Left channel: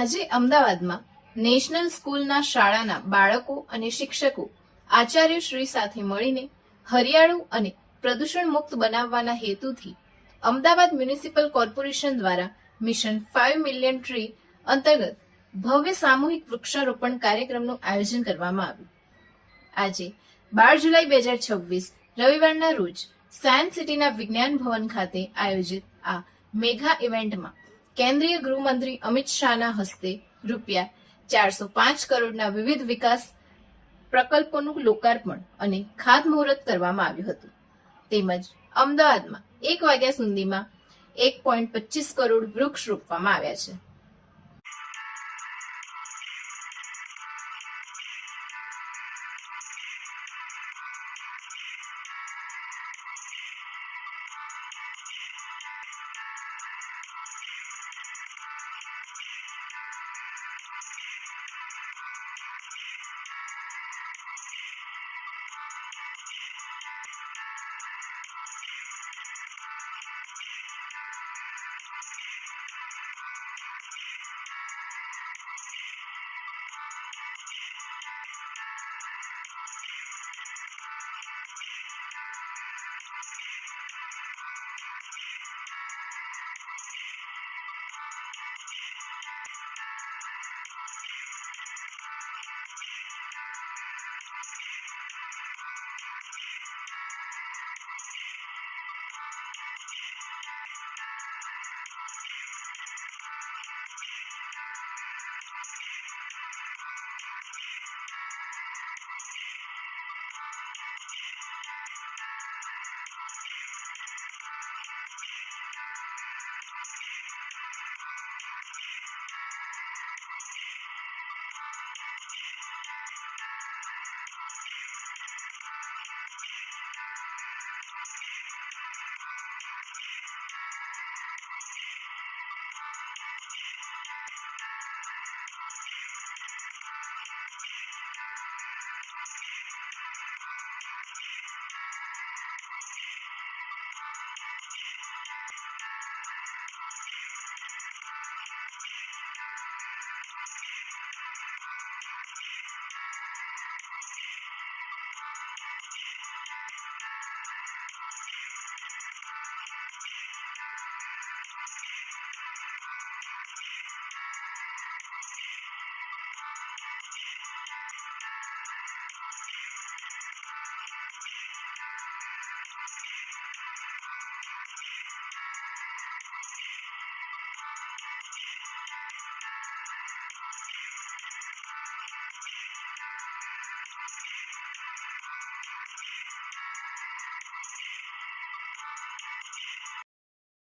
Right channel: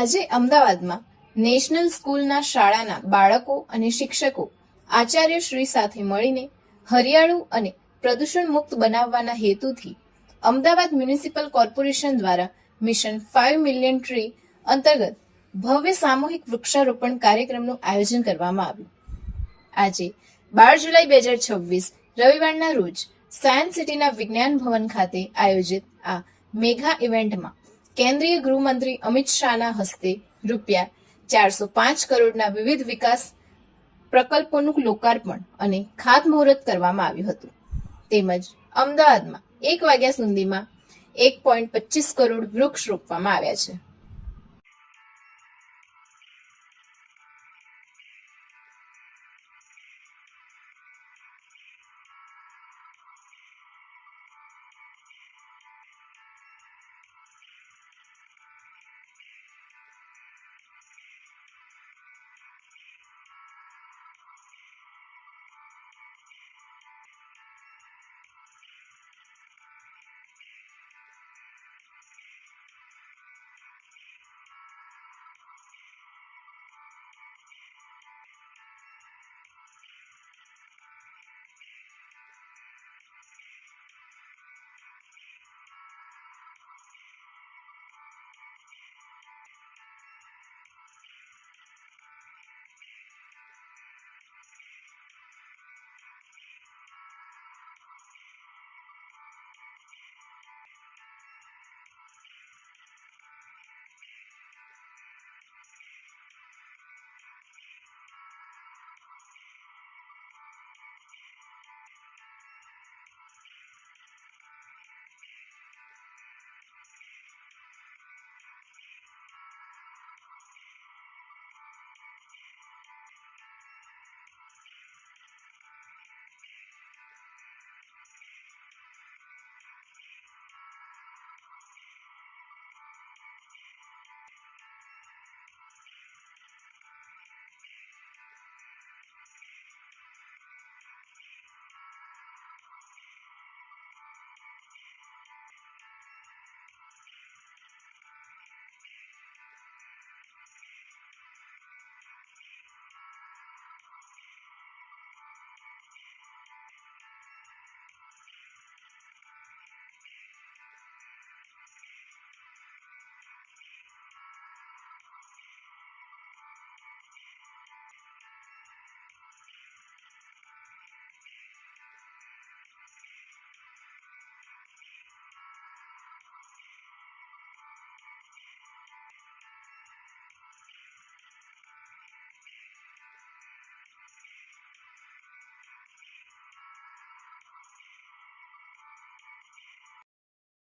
આજે અમદાવાદમાં નેશનલ સ્કૂલના શાળાના બાળકો અને શિક્ષકો આચાર્યશ્રી સાથે મળીને હરિયાળું અને પ્રદૂષણ મુક્ત બનાવવાના હેતુથી અમદાવાદ મ્યુનિસિપલ કોર્પોરેશન દ્વારા મિશન 5 મિલિયન ટ્રી અંતર્ગત ભવ્ય સામૂહિક વૃક્ષારોપણ કાર્યક્રમનું આયોજન કરવામાં આવ્યું. આજે 12 જુલાઈ 2026 રવિવારના રોજ સાયન્સ સિટીના વિજ્ઞાન ભવન ખાતે આયોજિત આ મેગા ઇવેન્ટમાં કેન્દ્રીય ગૃહમંત્રી અમિત શાહના હસ્તે ₹405 કરોડના વિવિધ વિકાસ પ્રકલ્પોનું લોકાર્પણ અને ખાતમુહૂર્ત કરવામાં આવ્યું હતું. તેમજ અમદાવાદમાં 1 વાગ્યા સુધીમાં 1.25 કરોડ વૃક્ષ રોપવામાં આવ્યા છે.